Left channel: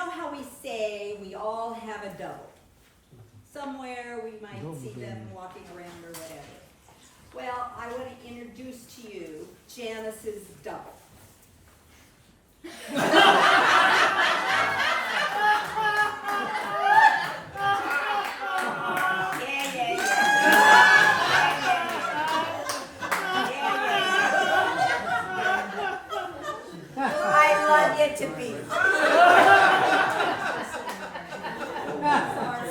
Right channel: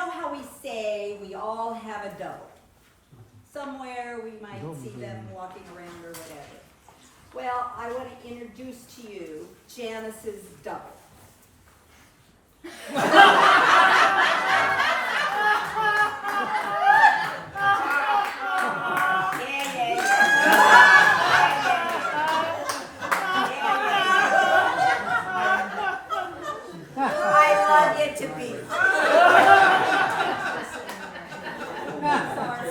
know how we say we all have a double? Somewhere we might see them walking around or whatever. Well, I want to introduce to you Janice's double. I love you to be.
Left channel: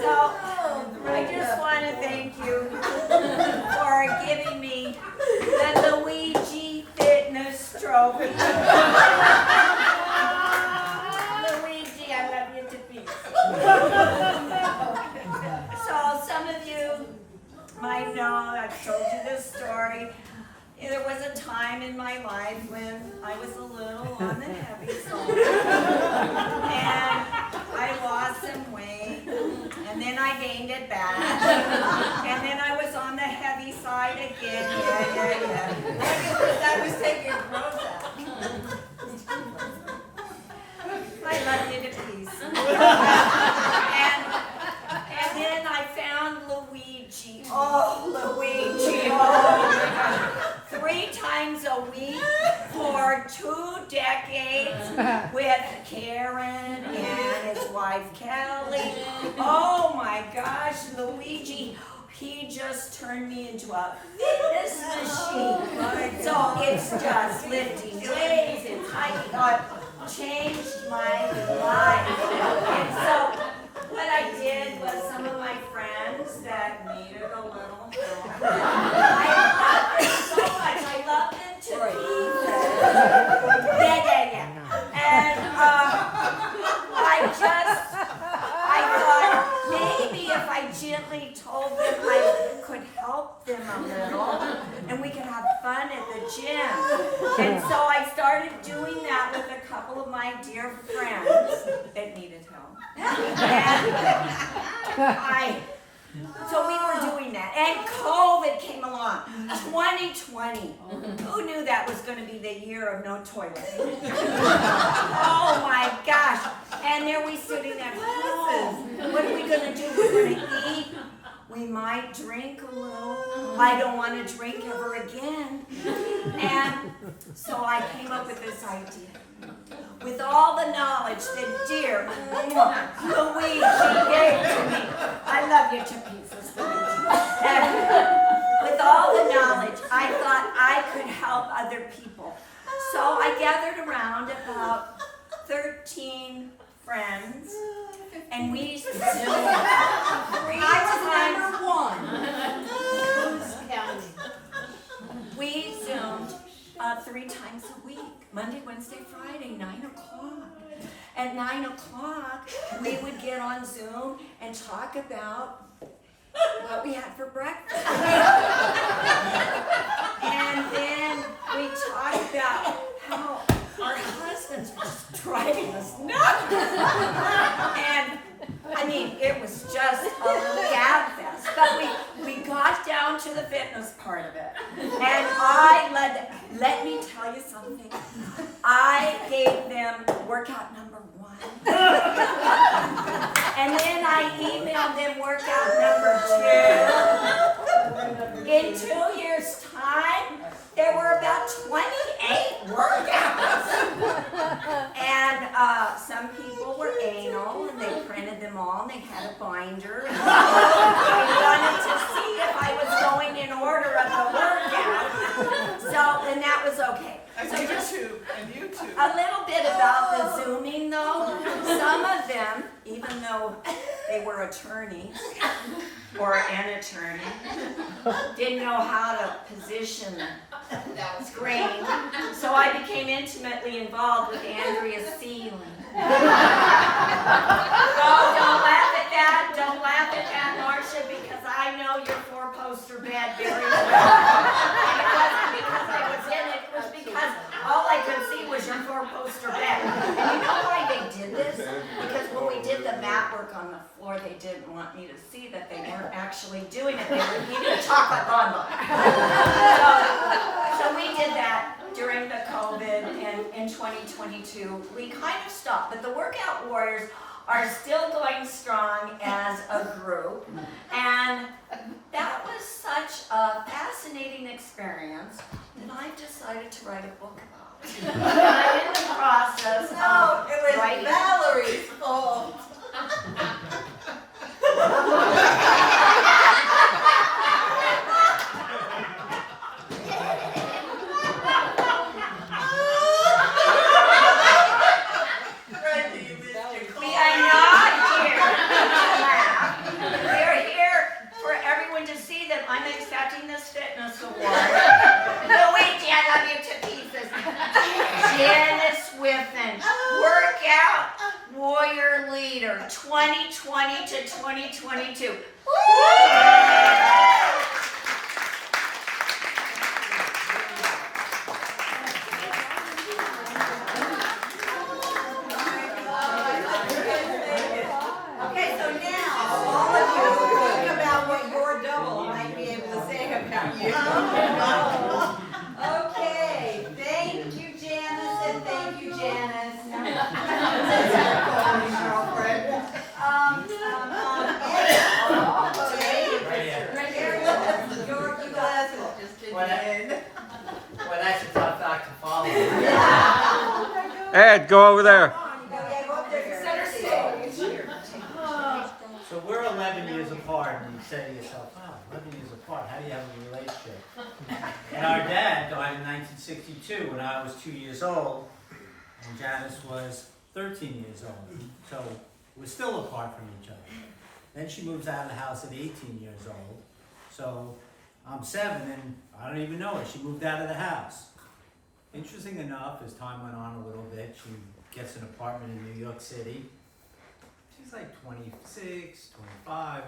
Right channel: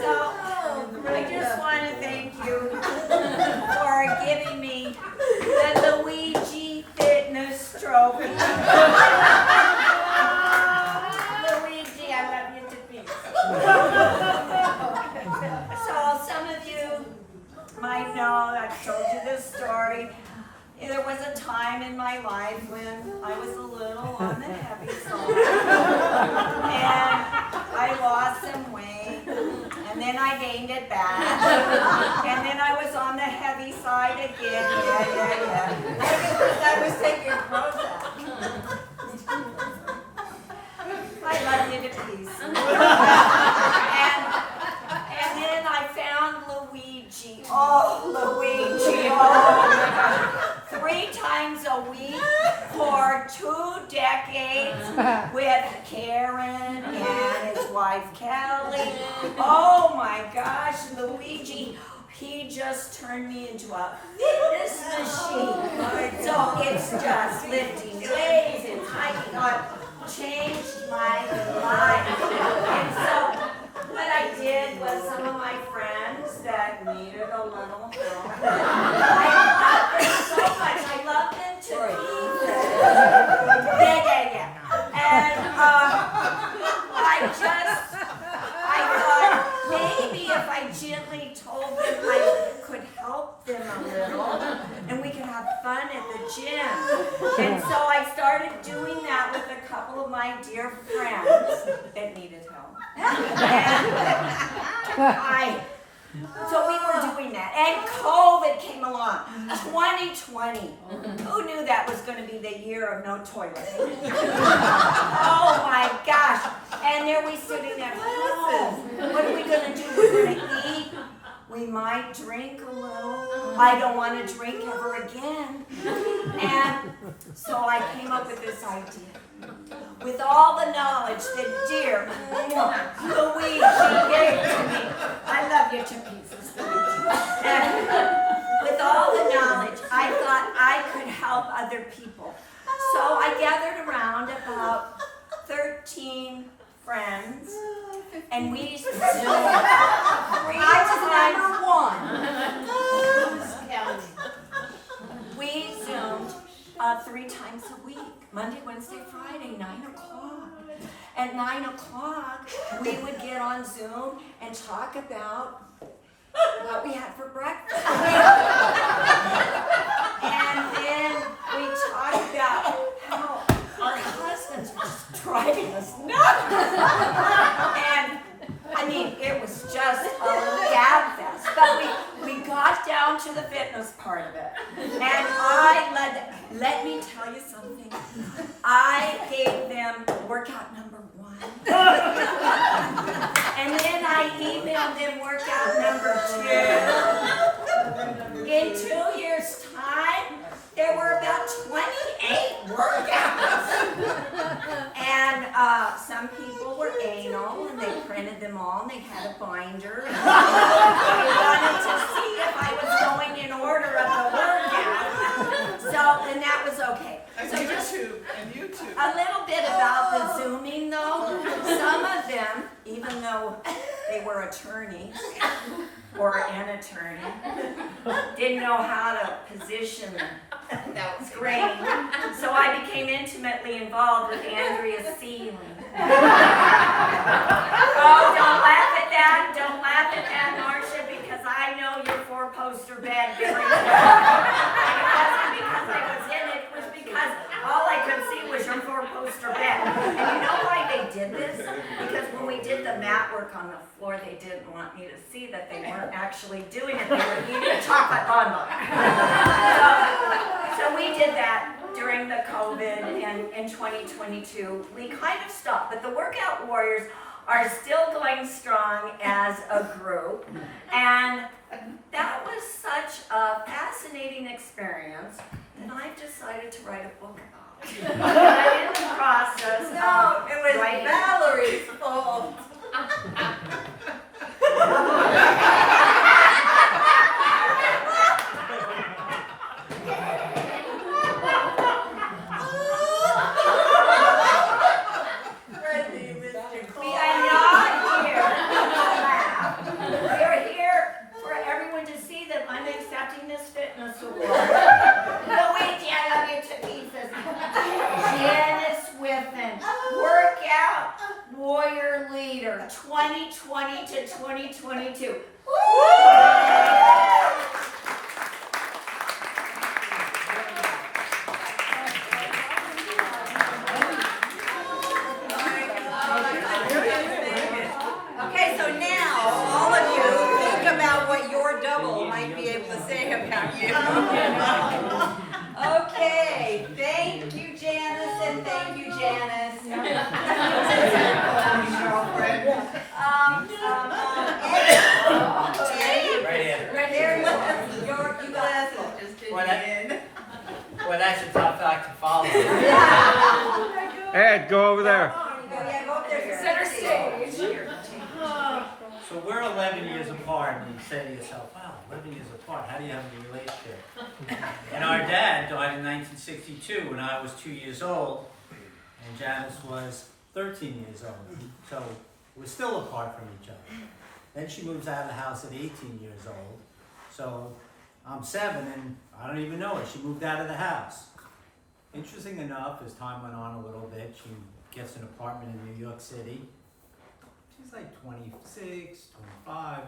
So, I just want to thank you for giving me the Luigi Fitness Trophy. Luigi, I love you to be. So, some of you might know, I've told you this story. There was a time in my life when I was a little on the heavy side, and I lost some weight, and then I gained it back, and then I was on the heavy side again. Yeah. I was taking Prozac. I love you to pieces. And then I found Luigi. Oh, Luigi. Oh, my gosh. 3 times a week for 2 decades with Karen and his wife Kelly. Oh my gosh, Luigi, he just turned me into a fitness machine. So it's just lifting weights and hiking on. Changed my life. And so what I did was some of my friends that needed a little help. I love them so much. I love them to pieces. Yeah. And I thought maybe if I gently told them I could help them a little and we could have fun at the gym. And so I started doing that with a couple of my dear friends that needed help. And so we were doing that, and COVID came along, 2020. Who knew that was going to be the year of no toilet? Oh my gosh. And there we sitting at home. What are we going to do? We're going to eat. We might drink a little. I don't want to drink ever again. And so I came up with this idea. With all the knowledge that dear Luigi gave to me. I love you to pieces, Luigi. And with all the knowledge, I thought I could help other people. So I gathered around about 13 friends, and we zoomed 3 times. We zoomed 3 times a week. Monday, Wednesday, Friday, 9 o'clock. At 9 o'clock, we would get on Zoom and talk about what we had for breakfast. And then we talked about how our husbands were just driving us nuts. And I mean, it was just a gab fest. But we got down to the fitness part of it. And let me tell you something. I gave them workout number 1. And then I emailed them workout number 2. In 2 years' time, there were about 28 workouts. And some people were anal, and they printed them all, and they had a binder. And they wanted to see if I was going in order of the workout. So, and that was okay. And so YouTube. A little bit about the Zooming, though. Some of them, even though they were attorneys, or an attorney, didn't know how to position that screen. So I became intimately involved with Andrea Sealand. Oh, don't laugh at that. Don't laugh at that, Marcia, because I know your 4-poster bed very well. And it wasn't because I was in it. It was because all I could see was your 4-poster bed. And you know why they did this? Because when we did the mat work on the floor, they didn't want me to see that they weren't actually doing it. They were eating a chocolate bonbon. So we did that during the COVID in 2022. We kind of stopped, but the Workout Warriors are still going strong as a group. And that was such a fascinating experience that I decided to write a book about it. I'm in the process of it was writing. Valerie's fault. We are not here to laugh. We're here for everyone to see that I'm accepting this fitness award. Luigi, I love you to pieces. Janice Whiffen, Workout Warrior Leader, 2020 to 2022. Okay, so now all of you think about what your double might be able to say about you. Okay, thank you, Janice, and thank you, Janice. Well, that's a tough act to follow. Ed, go over there. Center stage. So we're 11 years apart, and you say to yourself, wow, 11 years apart, how do you have a relationship? And our dad died in 1962 when I was 2 years old, and Janice was 13 years old. So we're still apart from each other. Then she moves out of the house at 18 years old. So I'm 7, and I don't even know her. She moved out of the house. Interesting enough, as time went on a little bit, she gets an apartment in New York City. She's like 26, 25.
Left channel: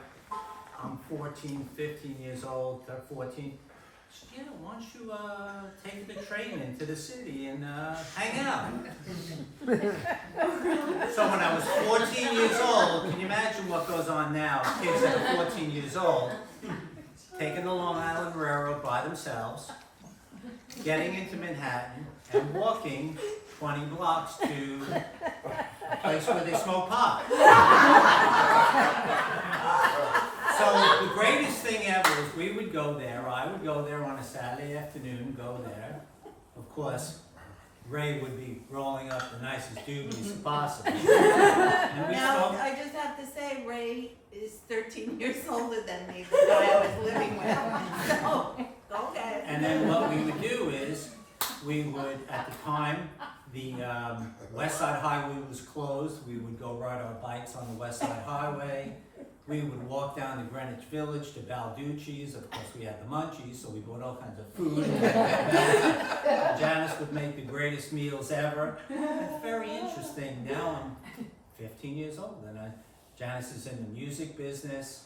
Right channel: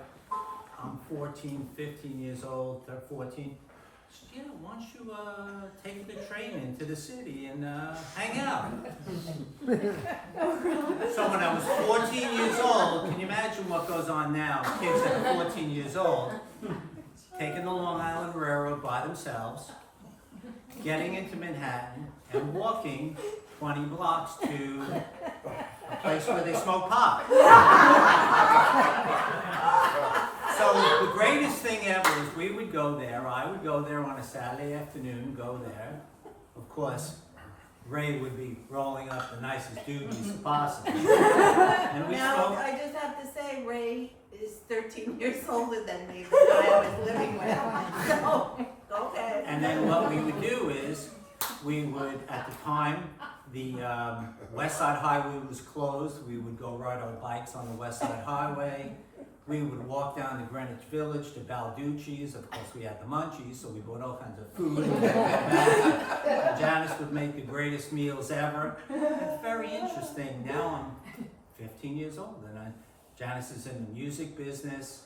I'm 14, 15 years old, 14. She said, yeah, why don't you take the train into the city and hang out? So when I was 14 years old, can you imagine what goes on now? Kids that are 14 years old, taking the Long Island Railroad by themselves, getting into Manhattan, and walking 20 blocks to a place where they smoke pot. So the greatest thing ever is we would go there, I would go there on a Saturday afternoon, go there. Of course, Ray would be rolling up the nicest doobies possible. And we Now, smoked. I just have to say, Ray is 13 years older than me, the guy I was living with. So, go ahead. And then what we would do is, we would, at the time, the West Side Highway was closed. We would go ride our bikes on the West Side Highway. We would walk down to Greenwich Village to Balducci's. Of course, we had the munchies, so we bought all kinds of food. Janice would make the greatest meals ever. It's very interesting. Now I'm 15 years old, and Janice is in the music business,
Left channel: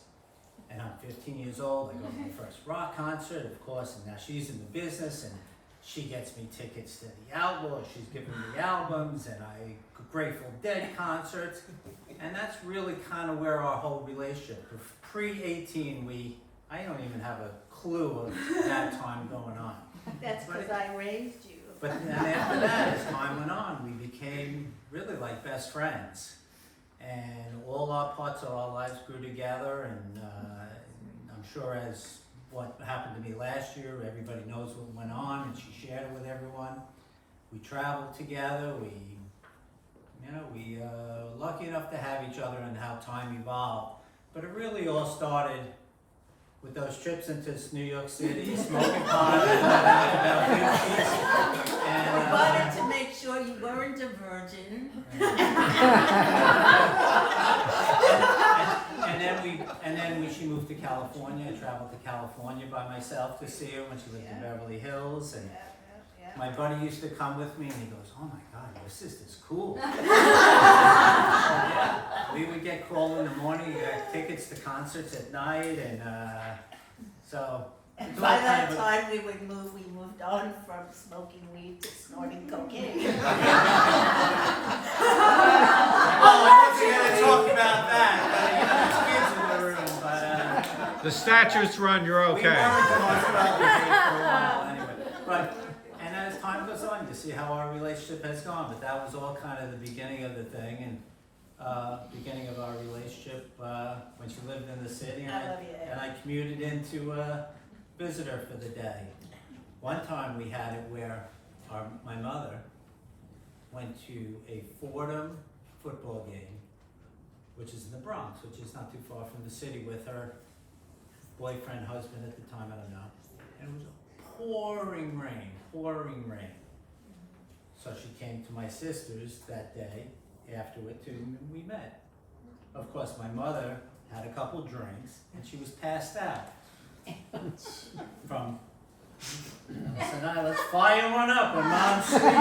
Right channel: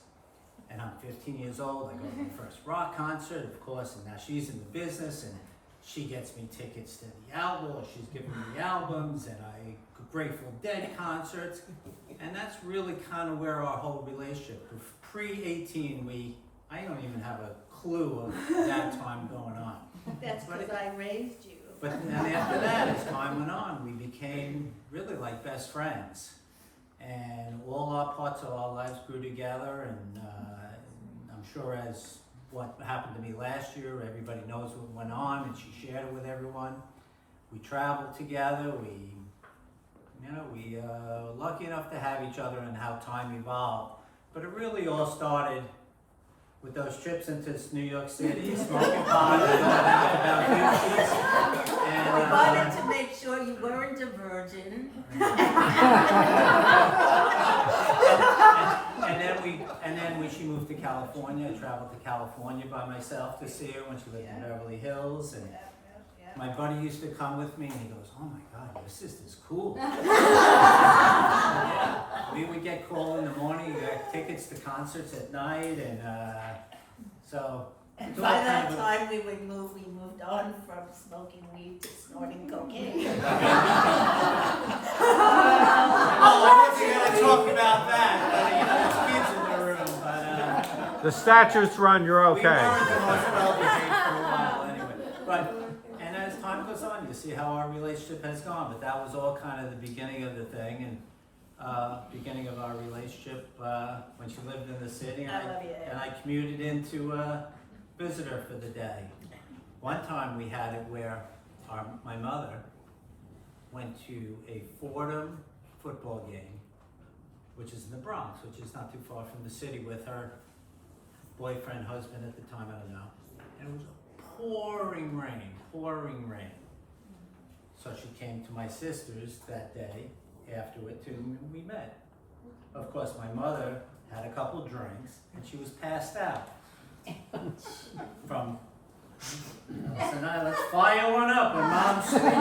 and I'm 15 years old. I go to my first rock concert, of course, and now she's in the business, and she gets me tickets to the Outlaws. She's giving me the albums, and I Grateful Dead concerts, and that's really kind of where our whole relationship. Pre-18, I don't even have a clue of that time going on. That's because I raised you. But then after that, as time went on, we became really like best friends, and all our parts of our lives grew together. And I'm sure as what happened to me last year, everybody knows what went on, and she shared it with everyone. We traveled together. We lucky enough to have each other and how time evolved. But it really all started with those trips into New York City, smoking pot, and all that We wanted to make sure you weren't a virgin. and then when she moved to California, I traveled to California by myself to see her when she lived in Beverly Hills. And my buddy used to come with me, and he goes, "Oh my God, your sister's cool." We would get called in the morning, got tickets to concerts at night, and so. And by that time we moved on from smoking weed to snorting cocaine. Oh, I wasn't going to talk about that, but there's kids in the room. But The statutes run, you're we okay. weren't the most well behaved for a while anyway. And as time goes see how our relationship has gone, but that was all kind of the beginning of the thing, and beginning of our relationship when she lived in the city, and I love you. and I commuted in to visit her for the day. One time we had it where my mother went to a Fordham football game, which is in the Bronx, which is not too far from the city, with her boyfriend, husband at the time, I don't know. And it was pouring rain. So she came to my sister's that day afterward too, and we met. Of course, my mother had a couple drinks and she was passed out from. So now let's fire one up when mom's sleeping.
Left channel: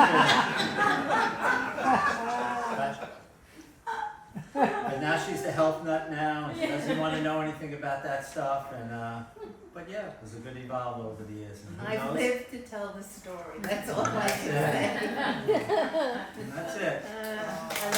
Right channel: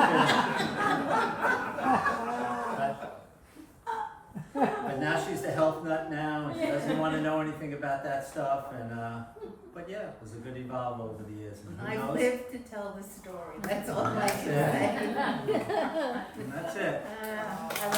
But now she's the health nut now, and she doesn't want to know anything about that stuff. And but yeah, it was a good evolve over the years. And who I've knows? lived to tell the story. That's all I can That's it. say. And that's it. I love